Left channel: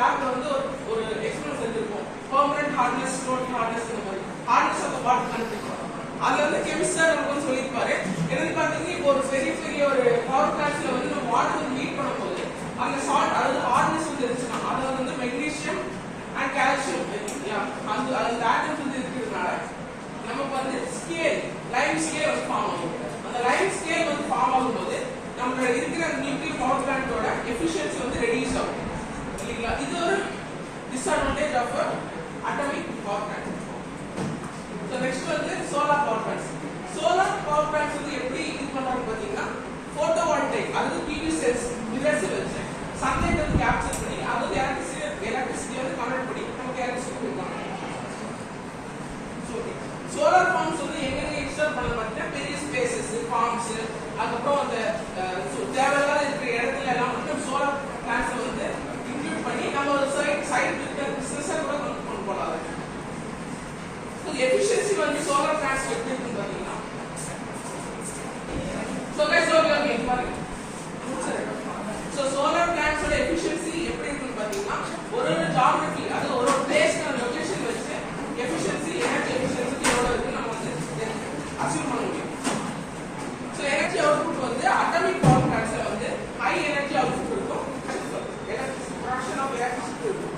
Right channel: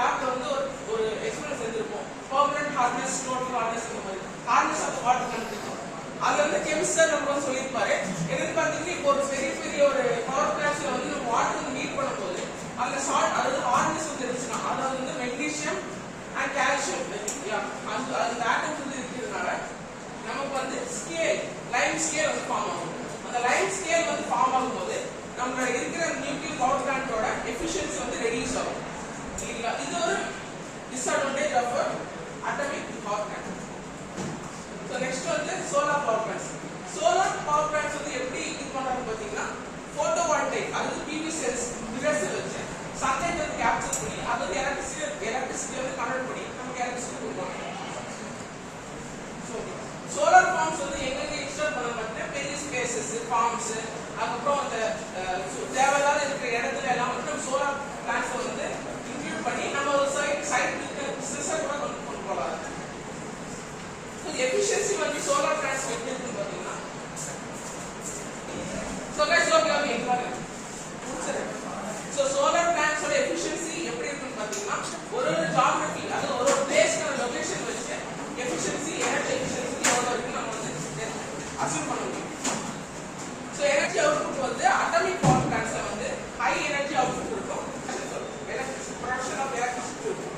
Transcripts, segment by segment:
லேப்ல வந்து ஒரு எக்ஸ்பெரிமெண்ட் செஞ்சிருப்போம். பெர்மனன்ட் ஹார்ட்னஸ், டோட்டல் ஹார்ட்னஸ் இந்த மாதிரி ஹார்ட்னஸ் ஆஃப் வாட்டர் கண்டுபிடிக்கும். அதுல வந்து கெமிஸ்ட் சார் நமக்கு வந்து சொல்லியிருப்பாரு. என்னன்னு பாத்தீங்கன்னா இப்போ ஒரு பெரிய ஒரு பவர் பிளான்ட்ல வந்து நம்ம வாட்டர் வந்து ஹீட் பண்ணும்போது அந்த சால்ட் அதாவது ஹார்ட்னஸ் வந்து இருந்துச்சுன்னா அதுல வந்து மெக்னீசியம் அண்ட் கால்சியம் அந்த ஆட்டம்ஸ் வந்து இருக்கிறதுனால நமக்கு வந்து ஸ்கேல் லைம் ஸ்கேல் வந்து ஃபார்ம் ஆகும். அந்த லைம் ஸ்கேல் வந்து ஃபார்ம் ஆகும்போது நம்மளோட இருக்கிற நியூக்ளியர் பவர் பிளான்ட்டோட எஃபிஷியன்சி வந்து ரெடியூஸ் ஆகும் இல்லைங்களா. இது ஒரு disadvantage of atomic power plant. So next வந்து solar power plants. Solar power plants வந்து எப்படி இது பண்றாங்க பார்த்தீங்கன்னா போட்டோ வோல்டைக் அதாவது பிவி செல்ஸ் மிரர்ஸ் வச்சு சன்லைட் வந்து கேப்சர் பண்ணி அது எலக்ட்ரிசிட்டி வந்து கன்வெர்ட் பண்ணி நமக்கு எலக்ட்ரிசிட்டி கொடுப்பாங்க. சோலார் ஃபார்ம்ஸ் வந்து எங்கெங்க இன்ஸ்டால் பண்ண பார்த்தீங்கன்னா பெரிய ஸ்பேசஸ் ஃபார்ம்ஸ் அதுக்கப்புறம் அந்த தேவையில்லாத இருக்கிற இடத்துல எல்லாம் வந்து சோலார் பிளான்ட்ஸ் வந்து இன்க்ளூட் பண்ணி நம்ம ஒரு சைட் பிசினஸா கூட கொண்டு போகலாம். எஃபிஷியன்சி வந்து சோலார் பிளான்ட்ஸ் எப்படி இருக்குன்னு பார்த்தீங்கன்னா சோலார் பிளான்ட்ஸோட எஃபிஷியன்சி எப்படி இருக்குன்னு பார்த்தீங்கன்னா ஒரு ஜியோகிராஃபி அது ஒரு பிளேஸ்க்கான லொகேஷன் வச்சு எஃபிஷியன்சி எனர்ஜி எஃபிஷியன்சி எவ்வளவு இருக்கு நம்ம வந்து அஸ்யூம் பண்ண முடியும். ஸோ எனர்ஜி அவுட்புட் வந்து அட்டாமிக் பவர் பிளான்ட்ஸ்ல வந்து ஹை எனர்ஜி அவுட்புட் இருக்கும், ப்ரொடக்ஷன் ஆஃப் எலக்ட்ரிசிட்டி இருக்கும்.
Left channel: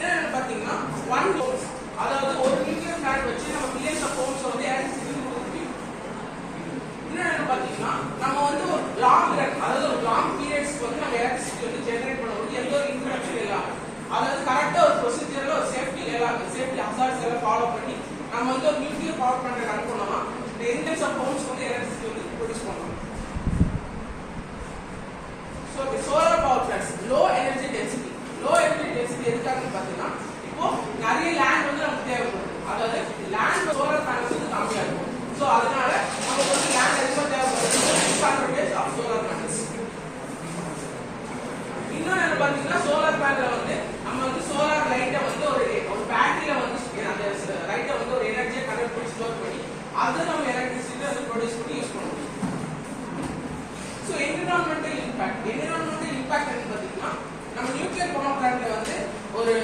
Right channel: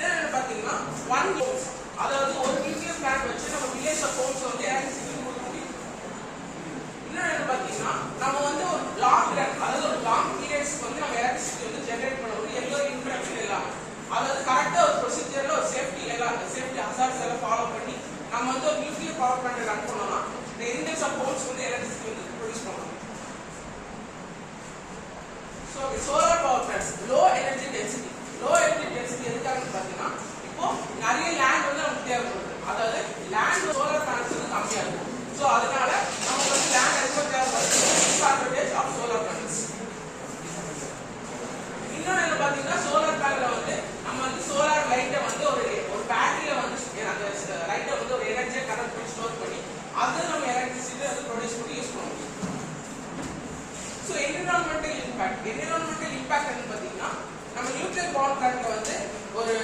என்னன்னு பார்த்தீங்கன்னா 1 ஜூல் அதாவது ஒரு நியூக்ளியர் பிளான்ட் வச்சு நம்ம மில்லியன்ஸ் ஆஃப் ஹோம்ஸ் வந்து எலக்ட்ரிசிட்டி கொடுக்க முடியும். இன்னொன்னு பார்த்தீங்கன்னா நம்ம வந்து ஒரு லாங் ரன் அதாவது ஒரு லாங் பீரியட்ஸ்க்கு வந்து நம்ம எலக்ட்ரிசிட்டி வந்து ஜெனரேட் பண்ண முடியும் எந்த ஒரு இன்டரப்ஷன் இல்லாம. அதாவது கரெக்டா ஒரு ப்ரொசீஜர்ல ஒரு சேஃப்டி ஹசார்ட்ஸ் எல்லாம் ஃபாலோ பண்ணி நம்ம வந்து ஒரு நியூக்ளியர் பவர் பிளான்ட் ரன் பண்ணோம்னா மில்லியன்ஸ் ஆஃப் ஹோம்ஸ் வந்து எலக்ட்ரிசிட்டி வந்து ப்ரொடியூஸ் பண்ணலாம். So solar power plants low energy density எதுக்காகன்னு பார்த்தீங்கன்னா இப்போ நிறைய லேண்ட் வந்து நமக்கு தேவைப்படுது. அதாவது லேண்ட் சோலார் பேனல்ஸ் வந்து கம்மியா இருக்கும். ஸோ அதனால நமக்கு வந்து லேண்ட் அதிகமாக தேவைப்படுது. Disadvantage of solar panels. இன்னொன்று என்ன பார்த்தீங்கன்னா சோலார் பேனல்ல வந்து நம்ம வந்து சோலார் லைட்டை வந்து ஒரு பேட்டரியில வந்து அந்த லைட்டை வந்து ஒரு எனர்ஜியை கனெக்ட் பண்ணி ஸ்டோர் பண்ணி அதை நம்ம எலக்ட்ரிசிட்டி வந்து ப்ரொடியூஸ் பண்ணி யூஸ் பண்ணுவோம். ஸோ என்விரான்மெண்டல் இம்பாக்ட் என்னன்னு பார்த்தீங்கன்னா நம்ம நியூக்ளியர் பவர் பிளான்ட்ல வந்து ஒரு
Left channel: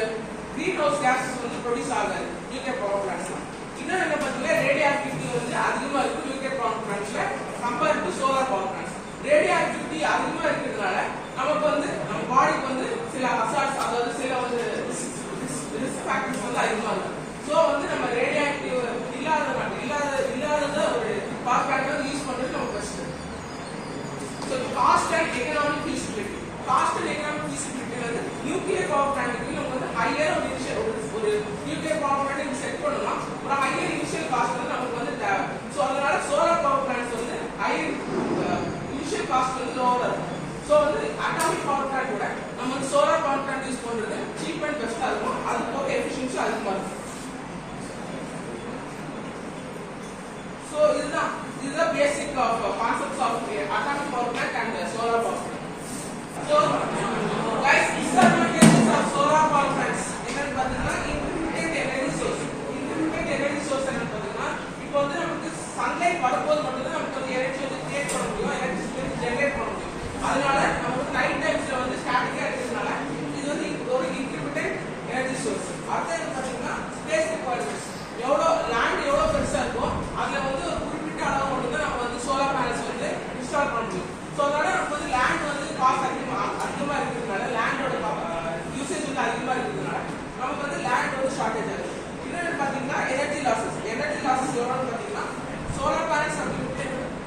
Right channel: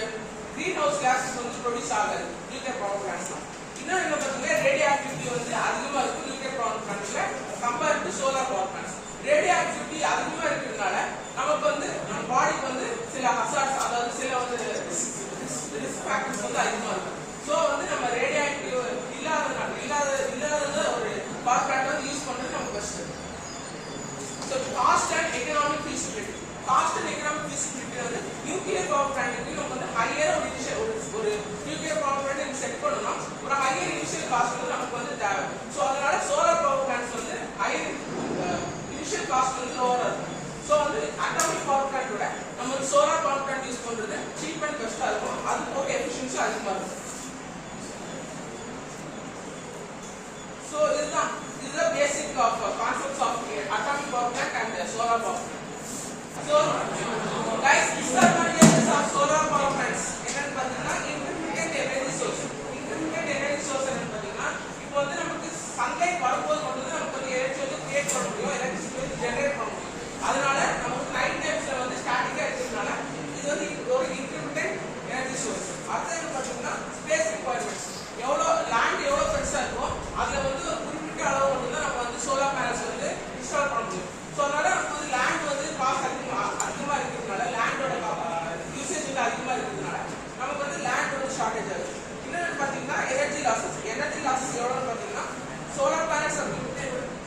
கிரீன் ஹவுஸ் கேஸஸ் வந்து ப்ரொடியூஸ் ஆகாது நியூக்ளியர் பவர் பிளான்ட்ஸ்ல. இன்னும் என்ன பார்த்தீங்கன்னா ரேடியோ ஆக்டிவிட்டி வந்து அதிகமா இருக்கும் நியூக்ளியர் பவர் பிளான்ட்ஸ்ல compared to solar power plants. Radioactivity அதிகமா இருக்கிறதுனால நமக்கு வந்து நம்ம பாடிக்கு வந்து சில ஹசார்ட்ஸ் அதாவது சில வந்து ரிஸ்க் ஃபேக்டர்ஸ் வந்து அதிகமா இருக்கும். ஸோ வந்து நம்ம ரேடியோ ஆக்டிவ் இல்லாத ஒரு பவர் பிளான்ட் வந்து யூஸ் பண்றது நமக்கு best. So cost and economic feasibility வந்து நியூக்ளியர் பவர் பிளான்ட்க்கு நமக்கு வந்து ஹையர் ஒரு நியூக்ளியர் பவர் பிளான்ட் செட் பண்ணலாம் ஒரு ஹையர் இனிஷியல் காஸ்ட் வந்து நமக்கு வந்து தேவை. ஸோ அதனால சோலார் பவர் பிளான்ட்ஸ் வந்து ஹையர் இனிஷியல் காஸ்ட் வந்து லோவரா இருக்கும். ஸோ வந்து அட்டாமிக் பவர் பிளான்ட் விட நம்ம வந்து சோலார் பவர் பிளான்ட் யூஸ் பண்றது சீப் அண்ட் பெஸ்டா இருக்கும். அது போக எஃபிஷியன்சி அதிகமா இருக்கும். ஸோ இதுதான் basic of concepts of atomic power plant and solar power plant. So guys, disadvantages of solar power plants என்னன்னு பார்த்தீங்கன்னா intermittent energy source என்னன்னு பார்த்தீங்கன்னா இப்போ வந்து நமக்கு சன்லைட் வரும்போது மட்டும் தான் நமக்கு வந்து எனர்ஜி வந்து கிரியேட் பண்ண முடியும், எலக்ட்ரிசிட்டி வந்து ஜெனரேட் பண்ண முடியும். அதனால நமக்கு நைட் டைம்ஸ்ல வந்து ஸ்டாட்டிக்கா இருக்கிறதுனால இது வந்து ஒரு intermittent energy source. அடுத்து என்ன பார்த்தீங்கன்னா ஸ்பேஸ் ரிக்வயர்மெண்ட்ஸ் லேண்ட் எவ்வளோ பெருசா இருக்கோ அதுல வந்து ஒரு குறிப்பிட்ட அளவு மட்டும் தான் நம்ம வந்து சோலார் பேனல்ஸ் வந்து இன்ஸ்டால் பண்ண முடியும். ஸோ அதனால நமக்கு வந்து லேண்ட் வந்து காஸ்ட் அதிகமா இருக்கிறதுனால லேண்டோட யூசேஜ் வந்து அதிகமா இருக்கிறதுனால நமக்கு வந்து லேண்ட் வந்து ஷார்டேஜ் ஆகுது. இன்னொன்று பார்த்தீங்கன்னா எனர்ஜி லாசஸ் எவ்வளோன்னு பார்த்தீங்கன்னா சோலார் பேனல்ஸ்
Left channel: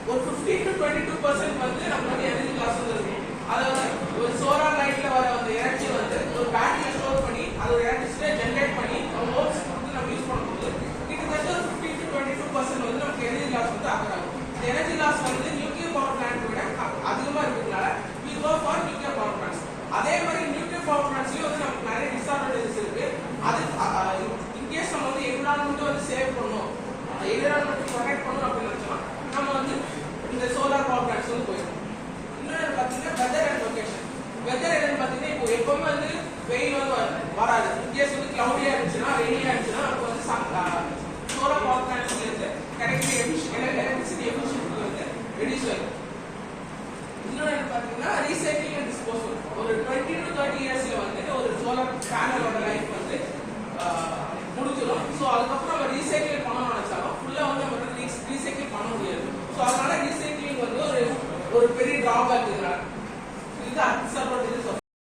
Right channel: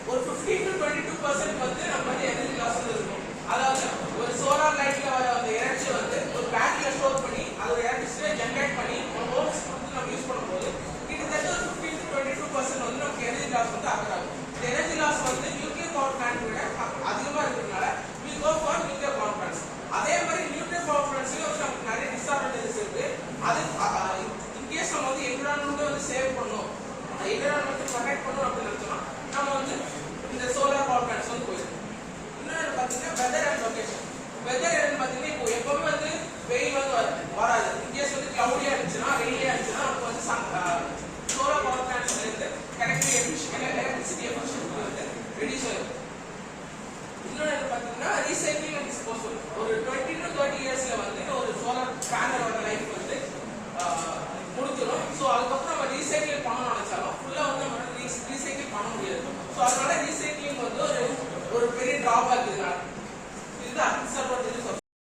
ஒரு 15 to 22% வந்து நமக்கு வந்து எனர்ஜி லாசஸ் இருக்கும். அதாவது ஒரு சோலார் லைட்ல வர அந்த எனர்ஜி வந்து ஒரு பேட்டரியில ஸ்டோர் பண்ணி அது ஒரு எலக்ட்ரிசிட்டியை ஜென்ரேட் பண்ணி ஹோம்ஸ் வந்து நம்ம யூஸ் பண்ணும்போது கிட்டத்தட்ட 15 to 22% வந்து நமக்கு எனர்ஜி லாஸ் வந்து ஆகும். எனர்ஜி லாஸ் வந்து நியூக்ளியர் பவர் பிளான்ட் விட அதிகமா இருக்கிறதுனால we go for nuclear power plants. அதே மாதிரி நியூக்ளியர் பவர் பிளான்ட்ஸ்லயும் வந்து நமக்கு நிறைய டிஸ்அட்வான்டேஜஸ் இருக்கு. அது இன்கேஸ் நம்ம வந்து என்விரான்மெண்ட்டை வந்து சேவ் பண்ணணும், என்விரான்மெண்ட்டை ப்ரொடெக்ட் பண்ணணும் அப்படின்னு நினைச்சோம்னா நம்ம வந்து இந்த சோலார் பவர் பிளான்ட்ஸ் வந்து போயிடும். இன்னொன்று பார்த்தீங்கன்னா வெதர் அண்ட் லொகேஷன். வெதர் என்னன்னு பார்த்தீங்கன்னா இப்போ எப்பவுமே வந்து வெயில் வந்து வராது. இன்கேஸ் வந்து கிளவுடியா இருந்துச்சுன்னா ரெயினியா இருந்துச்சுன்னா நமக்கு வந்து சோலார் பவர் பிளான்ட்ஸ்ல இருந்து கிடைக்கிற எலக்ட்ரிசிட்டி எஃபிஷியன்சி வந்து ரெடியூஸ் ஆகும். இன்னொன்று பார்த்தீங்கன்னா ரீசைக்ளிங் அண்ட் டிஸ்போசல். ஒரு 20 to 30 இயர்ஸ்ல வந்து ஒரு ஸோ அதனால